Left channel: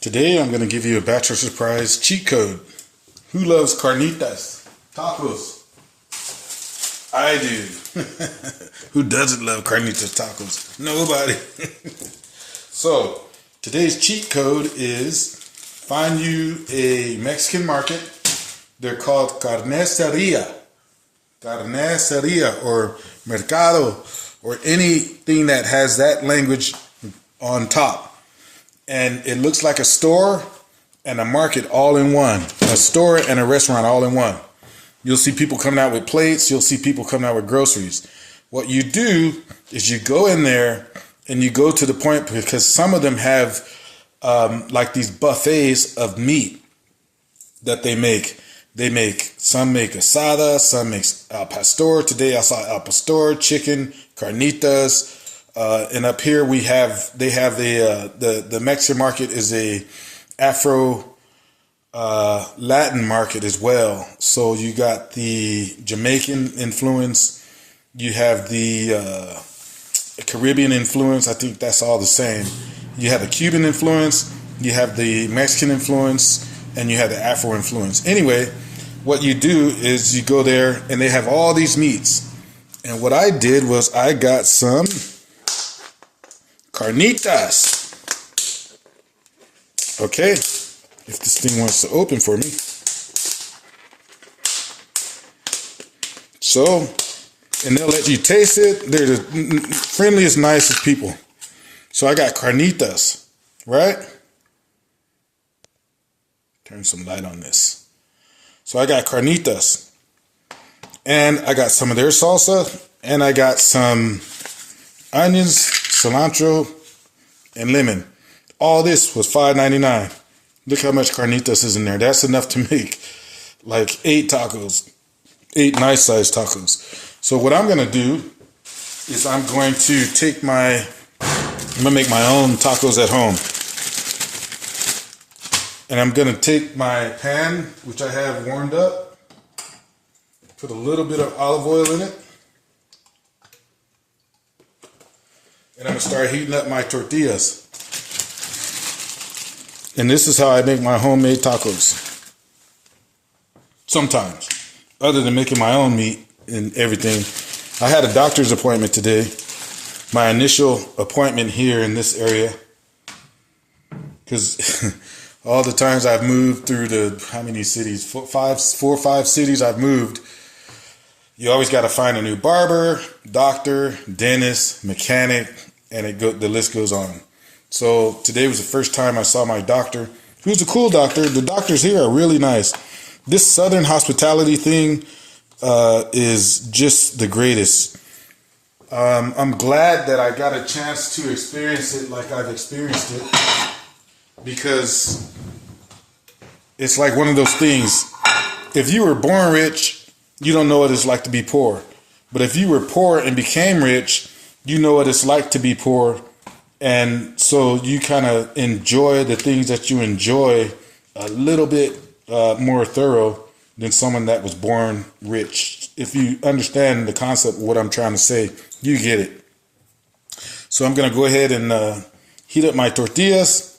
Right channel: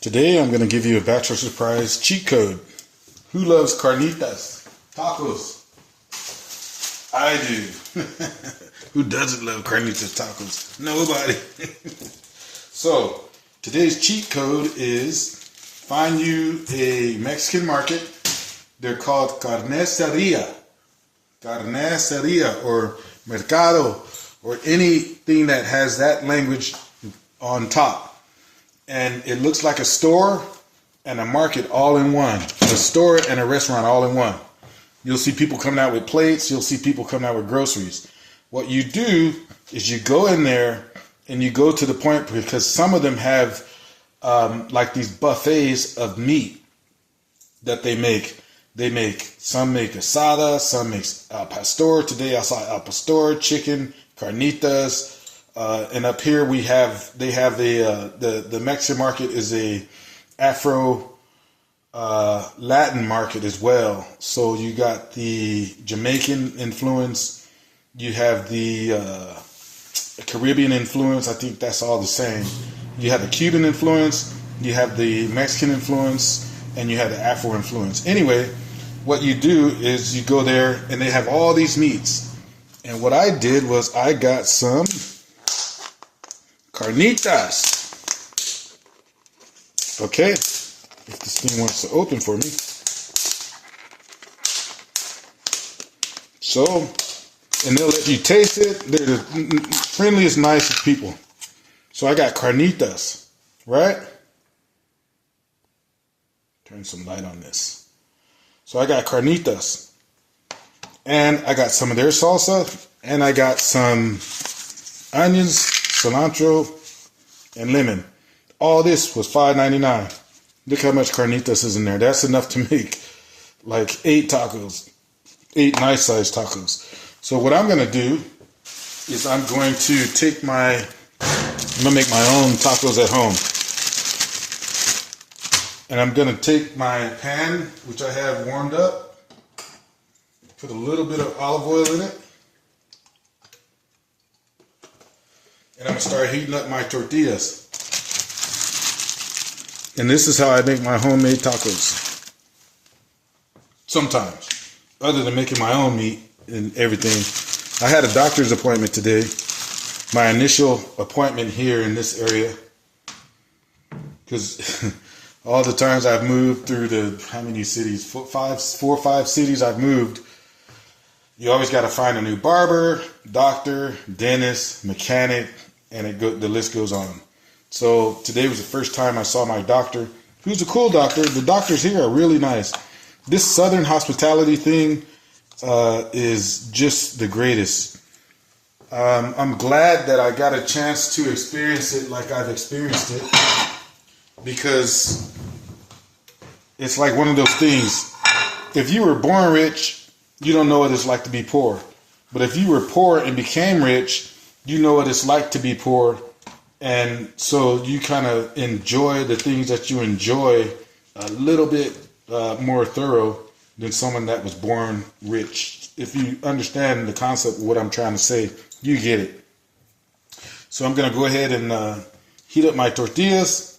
Today I'm going to give you a Bachelor surprise cheat code. Who loves Carnitas Tacos? I do. Who doesn't love Carnitas Tacos? Nobody. So today's cheat code is find you a Mexican market. They're called carnicieria. Carniceria or mercado or anything that has that language on top. And it looks like a store and a market all in one. A store and a restaurant all in one. You'll see people coming out with plates. You'll see people coming out with groceries. What you do is you go in there and you go to the point, because some of them have like these buffets of meat that they make. Some make asada, some makes al pastor. Today I saw al pastor, chicken, carnitas. And up here they have the Mexican market is a Afro Latin market as well. So you got the Jamaican influence, you have the Caribbean influence. I think that's all the same. You have the Cuban influence, you have the Mexican influence, and you have the Afro influence. Anyway, what you do is you go there and they have all these meats. And what I did was I got some carnitas. Okay, if this thing wants to open for me. So, and they'll let you taste it. They're the friendliest, nicest people. So I got carnitas, right? Turn some light on this. So I got carnitas. And I got some of their salsa. And I got some onions, cilantro, and lemon. All this was $5.99. Look how much carnitas is in there. That's enough to make like 8 tacos, 8 nice sized tacos. So what I'm going to do is I'm going to make my own tacos at home. And I'm going to take my pan, which I have warmed up, put a little bit of olive oil in it. And I'm going to start heating up my tortillas. And this is how I make my homemade tacos. Sometimes. Other than making my own meat and everything. I had a doctor's appointment today. My initial appointment here in this area. Because all the times I've moved through how many cities? 4 or 5 cities I've moved. You always got to find a new barber, doctor, dentist, mechanic, and the list goes on. So today was the first time I saw my doctor. Who's a cool doctor. The doctors here are really nice. This Southern hospitality thing is just the greatest. I'm glad that I got a chance to experience it like I've experienced it, because it's like one of those things. If you were born rich, you don't know what it's like to be poor. But if you were poor and became rich, you know what it's like to be poor. And so you kind of enjoy the things that you enjoy a little bit more thorough than someone that was born rich. If you understand the concept of what I'm trying to say, you get it. So I'm going to go ahead and heat up my tortillas.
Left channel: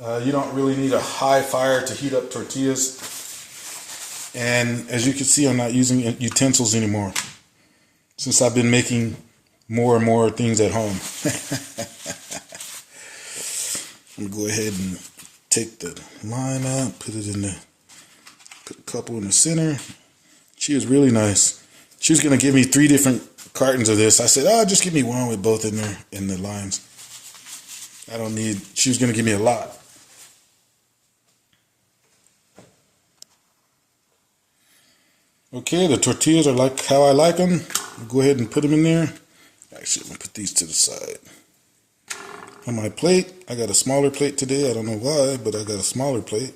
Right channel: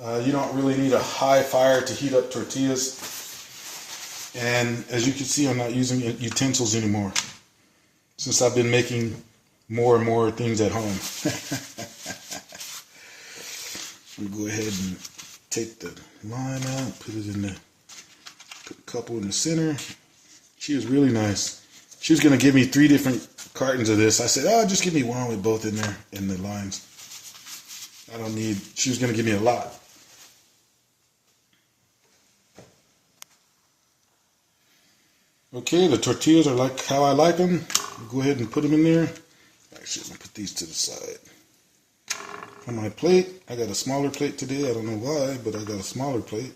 You don't really need a high fire to heat up tortillas. And as you can see, I'm not using utensils anymore, since I've been making more and more things at home. I'm going to go ahead and take the lime out, put a couple in the center. She was really nice. She was going to give me 3 different cartons of this. I said, just give me one with both in there and the limes. She was going to give me a lot. Okay, the tortillas are like how I like them. Go ahead and put them in there. Actually, I'm going to put these to the side. On my plate, I got a smaller plate today. I don't know why, but I got a smaller plate.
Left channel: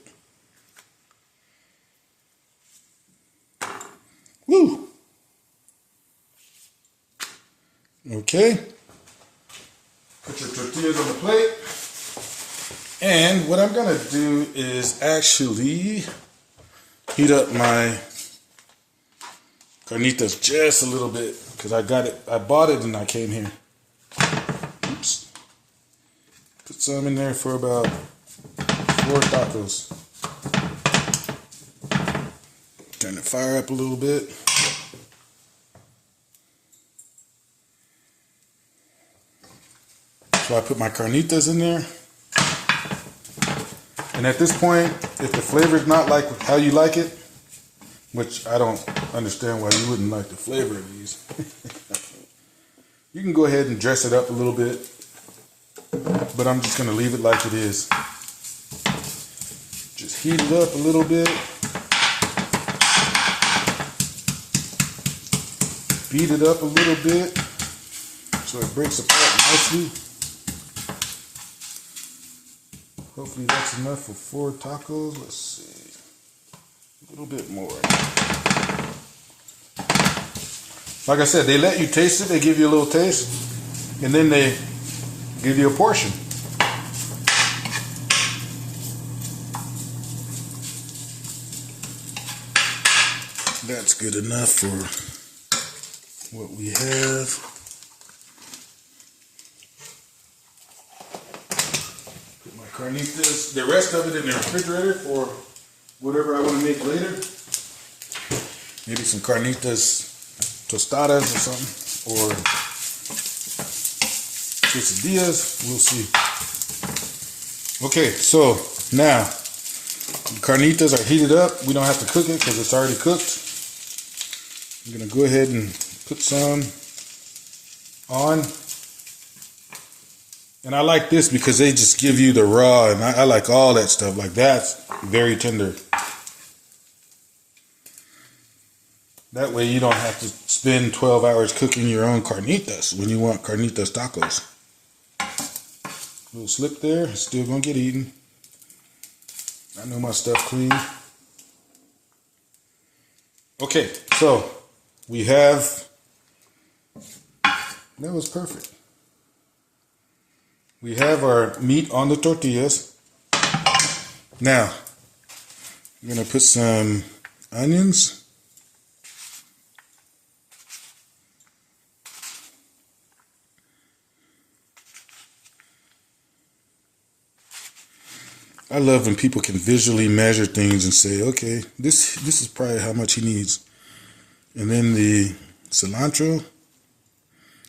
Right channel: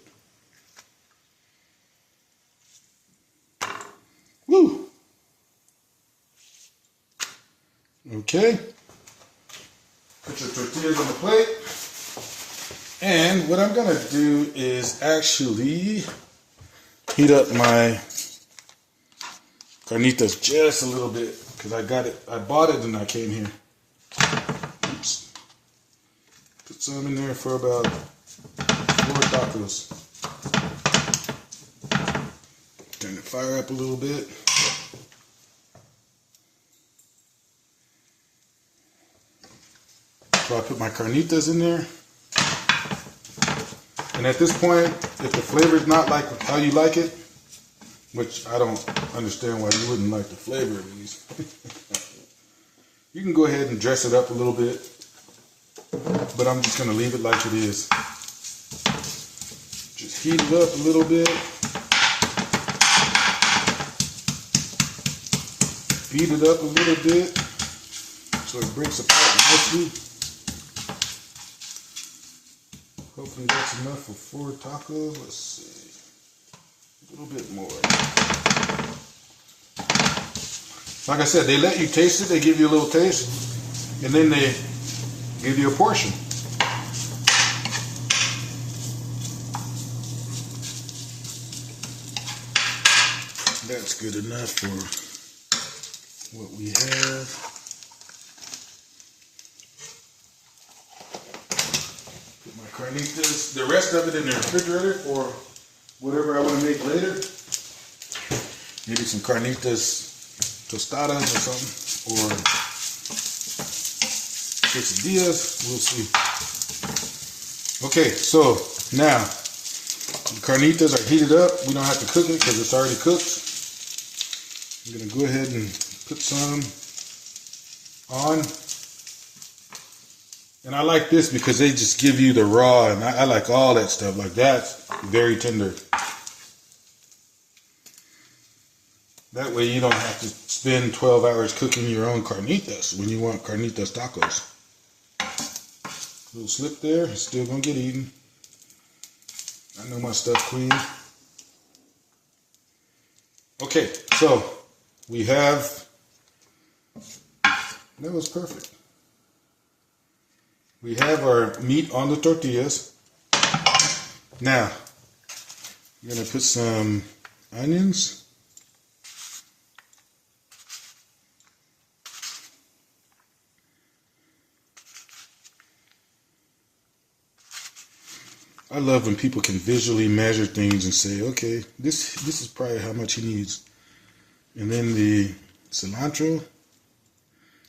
Woo! Okay. Put your tortillas on the plate. And what I'm going to do is actually heat up my carnitas just a little bit, because I bought it and I came here. Oops. Put Put some in there for about 4 tacos. Turn the fire up a little bit. So I put my carnitas in there. And at this point, if the flavor is not like how you like it, which I don't understand why you wouldn't like the flavor of these, you can go ahead and dress it up a little bit. But I'm just going to leave it like it is. Just heat it up a little bit. Beat it up a little bit so it breaks apart nicely. Hopefully that's enough for 4 tacos. Let's see. A little bit more. Like I said, they let you taste it. They give you a little taste. And then they give you a portion. That's good enough for what we have. Put my carnitas, the rest of it in the refrigerator for whatever I want to make later. Maybe some carnitas tostadas or something, or quesadillas, we'll see. Okay, so now the carnitas are heated up. We don't have to cook it because it's already cooked. I'm gonna go ahead and put some on. And I like this because they just give you the raw, and I like all that stuff. Like that's very tender. That way you don't have to spend 12 hours cooking your own carnitas when you want carnitas tacos. A little slip there, it's still gonna get eaten. I know my stuff clean. Okay, so we have, that was perfect. We have our meat on the tortillas. Now, I'm gonna put some onions. I love when people can visually measure things and say, okay, this is probably how much he needs. And then the cilantro.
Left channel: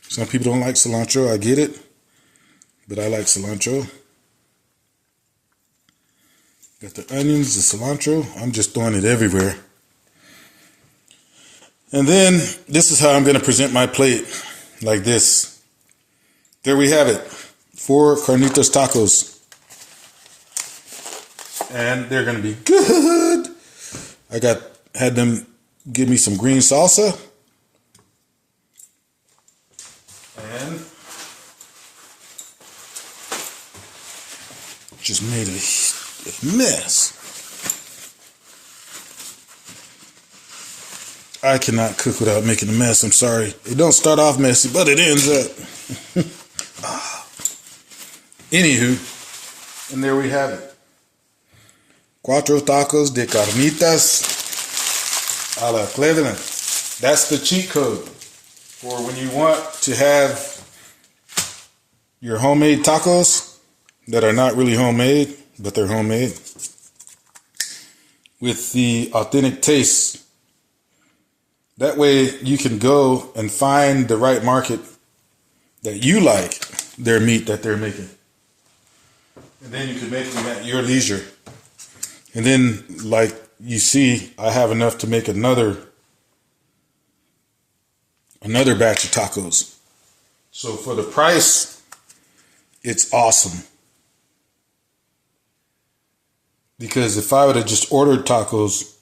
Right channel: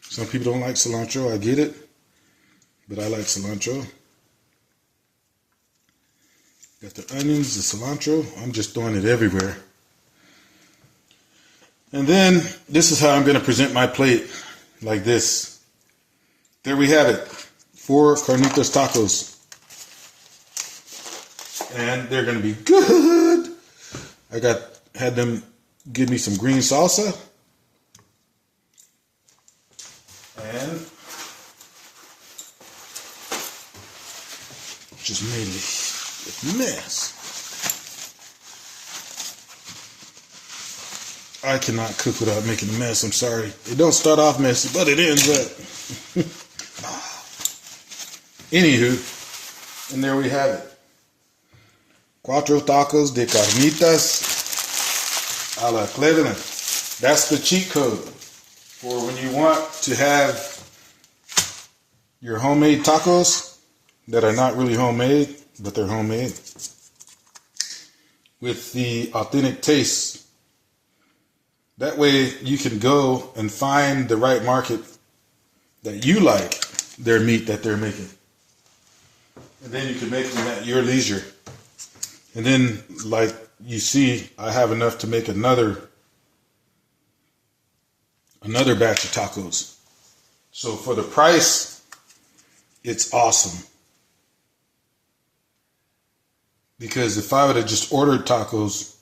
Some people don't like cilantro, I get it. But I like cilantro. Got the onions, the cilantro. I'm just throwing it everywhere. And then this is how I'm going to present my plate. Like this. There we have it. 4 Carnitas Tacos. And they're going to be good. I had them give me some green salsa. And just made a mess. I cannot cook without making a mess. I'm sorry. It don't start off messy, but it ends up. Anywho, and there we have it. 4 tacos de carnitas a la Cleveland. That's the cheat code for when you want to have your homemade tacos that are not really homemade, but they're homemade with the authentic taste. That way you can go and find the right market that you like their meat that they're making. And then you can make them at your leisure. And then, like you see, I have enough to make another batch of tacos. So for the price, it's awesome. Because if I would have just ordered tacos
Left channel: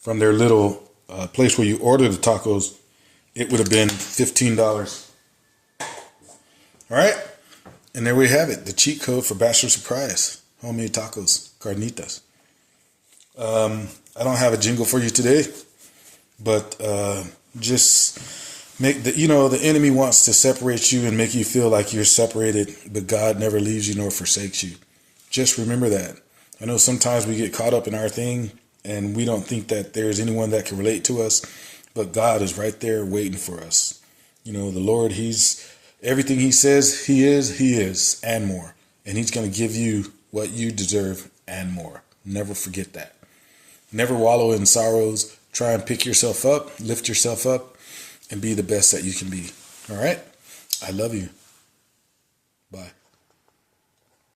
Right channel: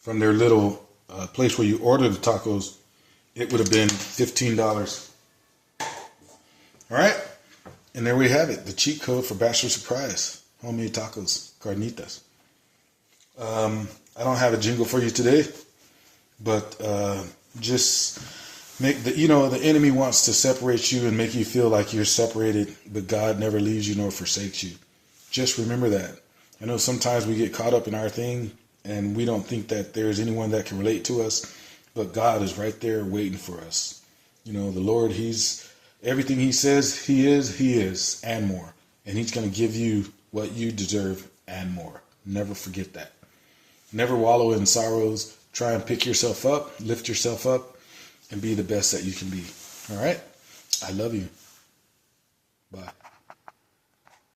from their little place where you order the tacos, it would have been $15. All right? And there we have it, the cheat code for Bachelor Surprise. Homemade tacos, carnitas. I don't have a jingle for you today, but just make the enemy wants to separate you and make you feel like you're separated, but God never leaves you nor forsakes you. Just remember that. I know sometimes we get caught up in our thing and we don't think that there's anyone that can relate to us, but God is right there waiting for us. You know, the Lord, He's everything He says He is, and more. and he's going to give you what you deserve and more. Never forget that. Never wallow in sorrows. Try and pick yourself up, lift yourself up, and be the best that you can be. All right? I love you. Bye.